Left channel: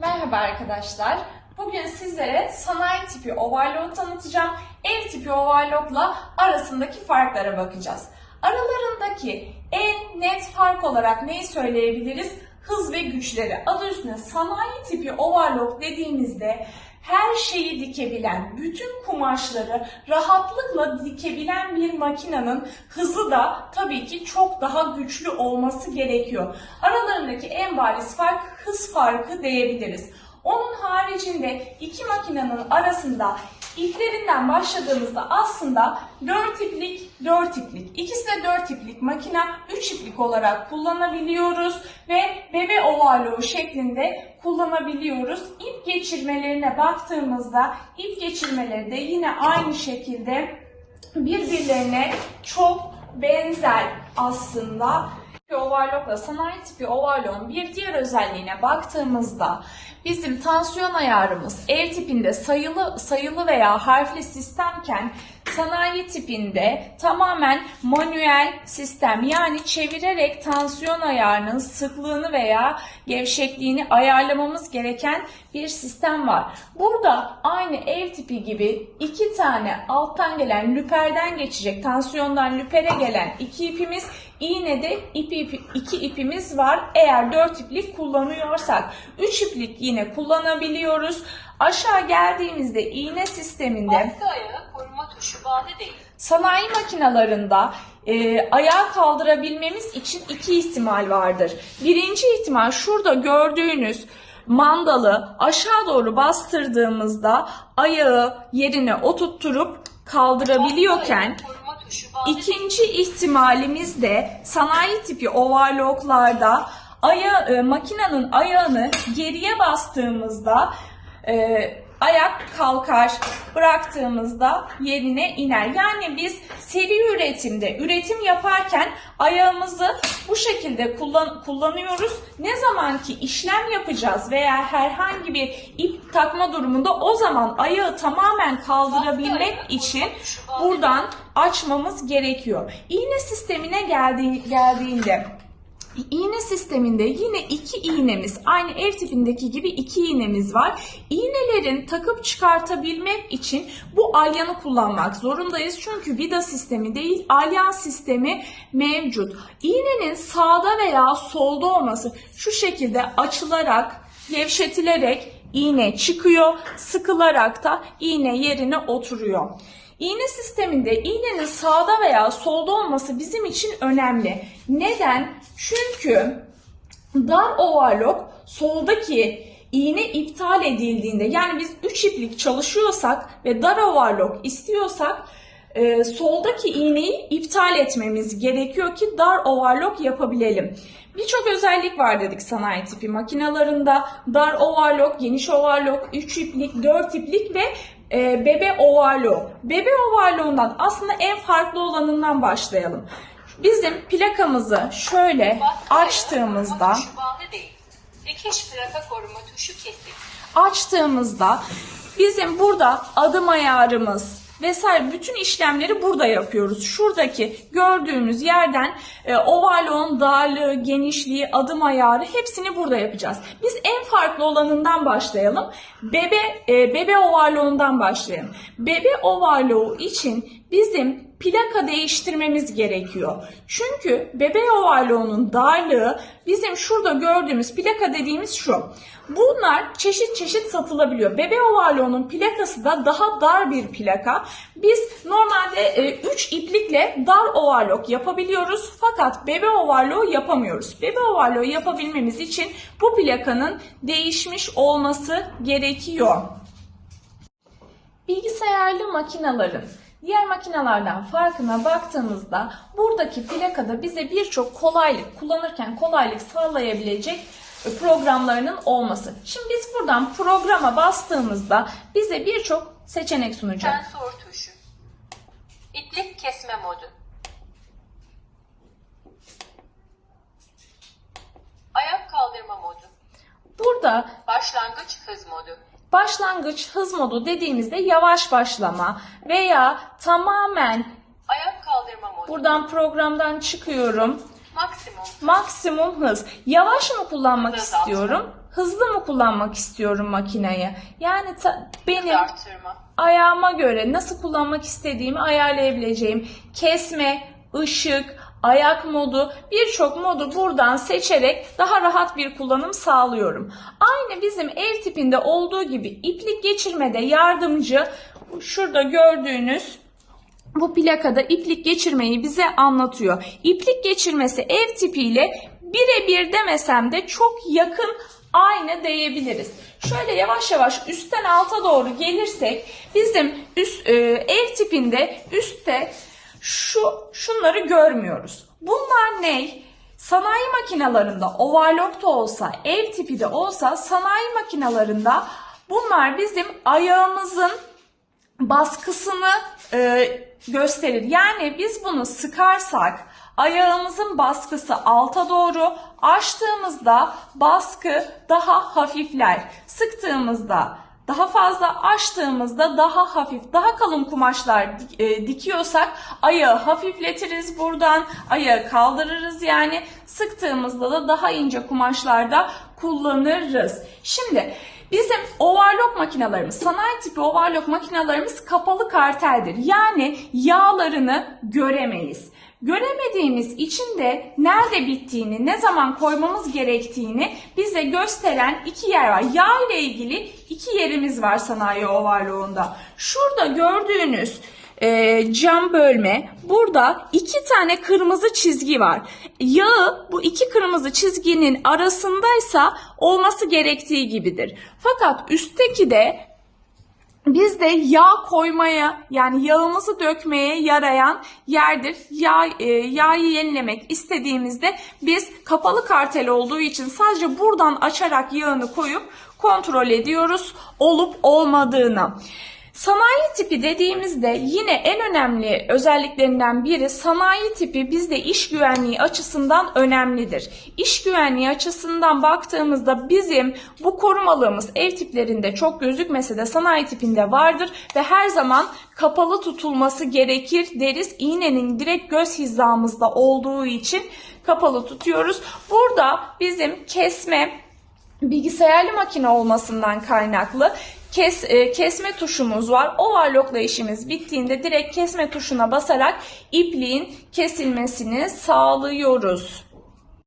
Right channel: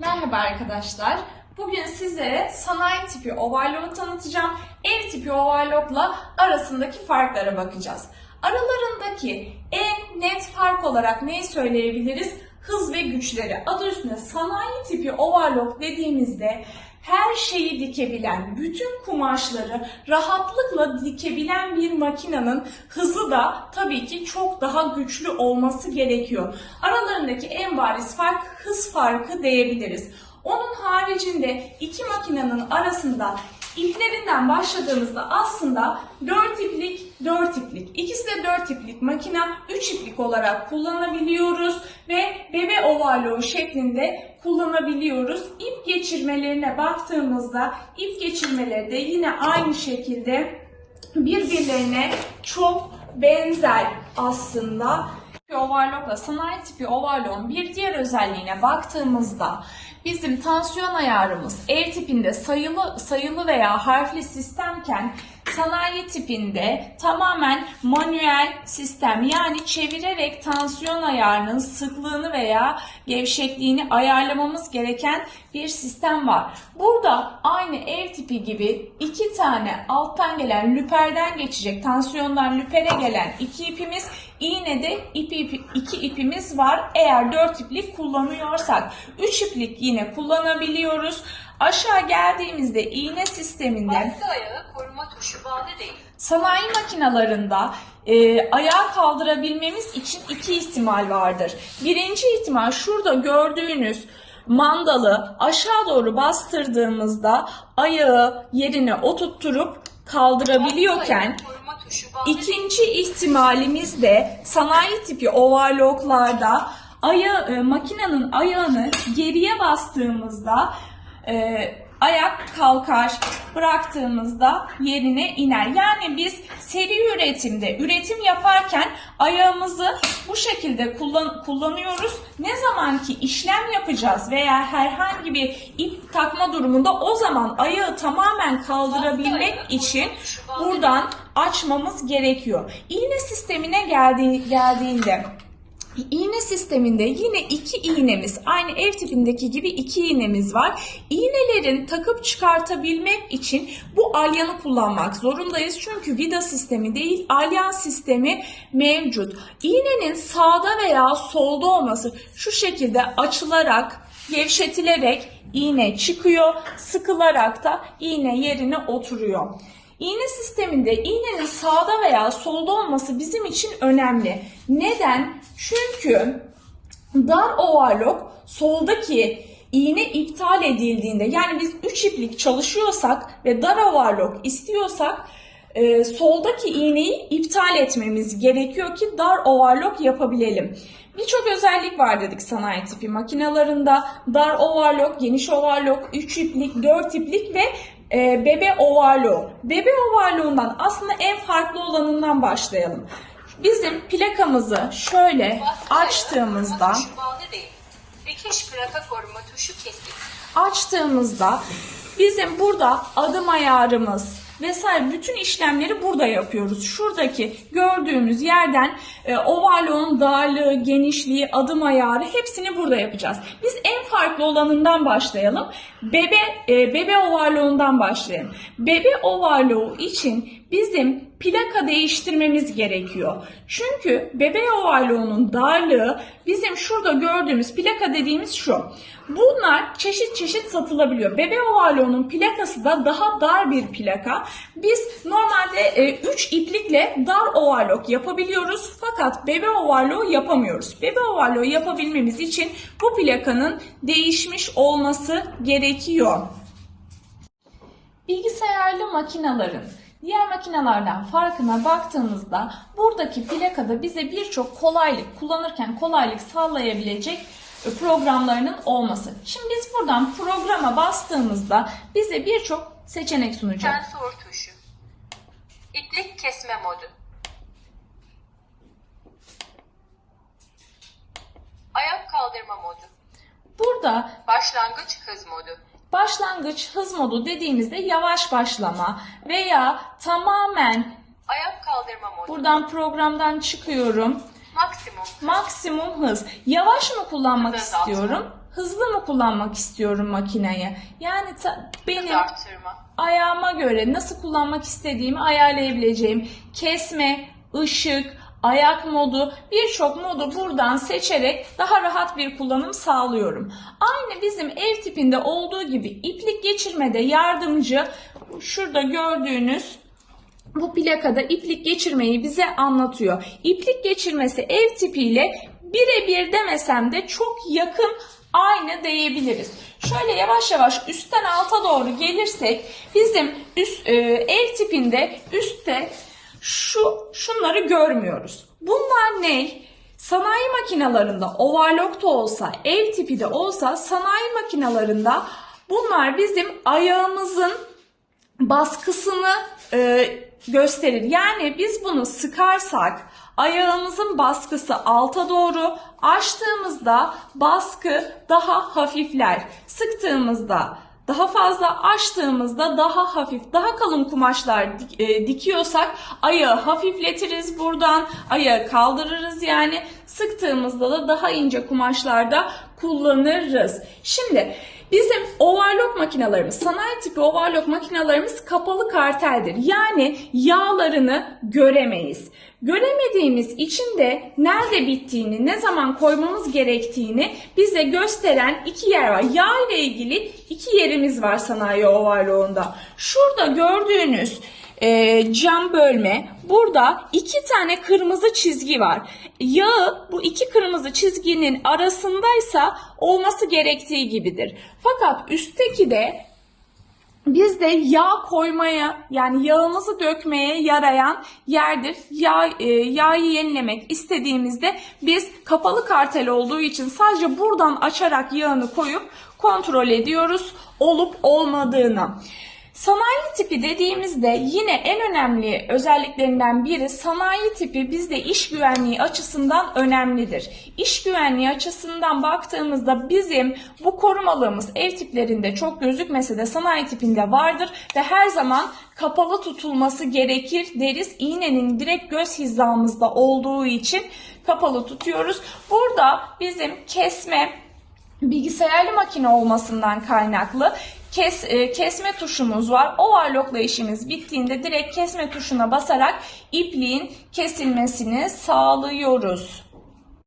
Merhaba arkadaşlar. Bugün sizlere sanayi tipi overlock tanıtacağım. Ev tipi overlockla arasındaki farklara bakacağız. Aralarındaki en net fark olarak neyi söyleyebiliriz? Hız ve güçleri. Adı üstünde sanayi tipi overlock dediğimizde her şeyi dikebilen, bütün kumaşları rahatlıkla dikebilen bir makinenin hızı da tabii ki çok daha güçlü olması gerekiyor. Aralarındaki en bariz fark hız farkı diyebiliriz. Onun haricinde iki makinenin arasında iplerinden başladığımızda aslında 4 iplik, 4 iplik. İkisi de 4 iplik makine, 3 iplik olarak kullanabiliyoruz ve bebe overlock şeklinde kullanabiliyoruz. İp geçirmelerine baktığımızda ip geçirmeleri de yine aynı şekilde birbirlerine çok benzer aslında. Overlock'la sanayi tipi overlock'un bir diğer özelliğine baktığımızda bizim tansiyon ayarımız ev tipinde sayılı veya harfli sistemken sanayi tipinde tamamen manuel sistem, yani çevirerek tansiyon ayarının sıklığını veya gevşekliğini ayarlamamız gereken bir sistem var. Burada aynı ev tipi gibi iki tane alttan gelen lüperden geçecek, tansiyondan lüpere gelen iki ipimiz, iğnede iki ipimiz var. Eğer 4 iplik kullanıyorsak 3 iplik yine kullanabiliyoruz. Aşağı geldiğimizde iğne sisteminde arka ayağı koruma tuşu bağlı değil. Sanayi makinalarında ayağı kaldırabilmemiz için iki ihtimal vardır. Birinci ihtimal şurada gördüğünüz mandalı aşağı doğru bastırdığımızda ayağı yerine oturtturup kaldırabiliyorken, İkinci ihtimalimiz de sanayi tipi overlocklarda makinenin ayağını geriye bastığımızda ayak kalkar, bıraktığımızda yerine iner. Yani biz seri üretimde üretim yaparken ayağımızı bu şekilde kullanıyoruz. Ne zaman ki işlem yapacağız veya herhangi bir ip takma durumunda o zaman ayağı tamamen kaldırabilmek için buradan açmamız gerekiyor. İğne sistemine geldiğinde İğne sisteminde yine iki iğnemiz, aynı ev tipindeki gibi iki iğnemiz var. İğnelerin takıp çıkartabilmek için bu alyanı kullanmak zorundayız. Çünkü vida sistemi değil, alyan sistemi mevcut. İğnenin sağda veya solda olması şu şekilde açılarak, gevşetilerek iğne çıkıyor, sıkılarak da iğne yerine oturuyor. İğne sisteminde iğnenin sağda veya solda olması bizim için önemli. Neden? Çünkü dar overlock soldaki iğne iptal edildiğinde, yani biz 3 iplik çalışıyorsak ve dar overlock istiyorsak soldaki iğneyi iptal etmemiz gerekiyor ki dar overlock yapabilelim. Birçok özellik var dedik sanayi tipi makinalarında. Dar overlock, geniş overlock, 3 iplik, 4 iplik ve bebe overlock. Bebe overlock'undan aslında en farklı olanından başlayalım. Bizim plakamızı şöyle açtığımızda, dikiş plaka koruma tuşu kesik. Açtığımızda bizim burada adım ayarımız vesaire bütün işlemleri burada yapıyoruz. Şuradaki gördüğümüz yerden overlock'un darlığı, genişliği, adım ayarı hepsini burada yapacağız. Biz en farklı olanından başlayalım. Bebe overlock'undan başlayalım. Bebe overlock için bizim plaka değiştirmemiz gerekiyor. Çünkü bebe overlock'un darlığı bizim şurada gördüğümüz plaka dediğimiz şu. Bunlar çeşit çeşit satılabiliyor. Bebe overlock'un plakası da daha dar bir plaka. Biz normalde 3 iplikle dar overlock yapabiliyoruz. Fakat bebe overlock yapamıyoruz. Bebe overlock yapabilmemiz için bu plakanın değişmiş olması gerekiyor. Bilgisayarlı makinelerin diğer makinelerden farkına baktığımızda buradaki plakada bize birçok kullanırken kolaylık sağlayabilecek programlarının olması. Şimdi biz buradan programa bastığımızda bize birçok seçenek sunacak. Sensör tuşu. İplik kesme modu. Ayak kaldırma modu. Burada Başlangıç hız modu. başlangıç hız modu dediğimizde yavaş başlama veya tamamen Ayak kaldırma modu. buradan programdan çıkıyorum. Maksimum. Maksimum hız. Yavaş mı kullanmak Hız azaltma. istiyorum? hızlı mı kullanmak istiyorum makineyi? Yani benim Arttırma. ayağıma göre nasıl kullanmak istediğimi ayarlayabileceğim kesme, ışık, ayak modu, birçok modu buradan seçerek daha rahat bir kullanım sağlıyorum. Aynı bizim ev tipinde olduğu gibi iplik geçirmede yardımcı, şurada gördüğünüz bu plakada iplik geçirmeyi bize anlatıyor. İplik geçirmesi ev tipiyle birebir demesem de çok yakın, aynı diyebiliriz. Şöyle yavaş yavaş üstten alta doğru gelirsek bizim ev tipinde üstte şunları görmüyoruz. Bunlar ne? Sanayi makinalarında overlock da olsa, ev tipi de olsa sanayi makinalarında bunlar bizim ayağımızın baskısını gösterir. Yani biz bunu sıkarsak ayağımızın baskısı alta doğru, açtığımızda baskı daha hafifler. Sıktığımızda daha fazla, açtığımızda daha hafif, daha kalın kumaşlar dikiyorsak ayağı hafifletiriz buradan, ayağı kaldırırız yani. Sıktığımızda da daha ince kumaşlarda kullanırız. Şimdi bizim overlock makinalarımız, sanayi tipi overlock makinalarımız kapalı karteldir. Yani yağlarını göremeyiz. Göremediğimiz için de nerede bittiğini, ne zaman koymamız gerektiğini bize gösteren iki yer var. Yağ ile ilgili iki yerimiz var sanayi overlock'unda. Şurada gördüğünüz cam bölme, burada iki tane kırmızı çizgi var. Yağı bu iki kırmızı çizginin arasındaysa olması gerektiği gibidir. Fakat üstteki de bizde yağ koymaya, yani yağımızı dökmeye yarayan yerdir. Yağı yenilemek istediğimizde biz kapalı kartel olduğu için sadece buradan açarak yağını koyup kontrol ediyoruz olup olmadığını. Sanayi tipi dediğimizde yine en önemli özelliklerinden biri, sanayi tipi bizde iş güvenliği açısından önemlidir. İş güvenliği açısından baktığımızda bizim bu korumalığımız ev tiplerinde çok gözükmese de sanayi tipinde vardır ve her zaman kapalı tutulması gerekir deriz. İğnenin direkt göz hizamızda olduğu için kapalı tutuyoruz. Burada bizim kesme, bilgisayarlı makine olmasından kaynaklı kesme tuşumuz var. Overlock'la işimiz bittiğinde direkt kesme tuşuna basarak ipliğin kesilmesini sağlıyoruz.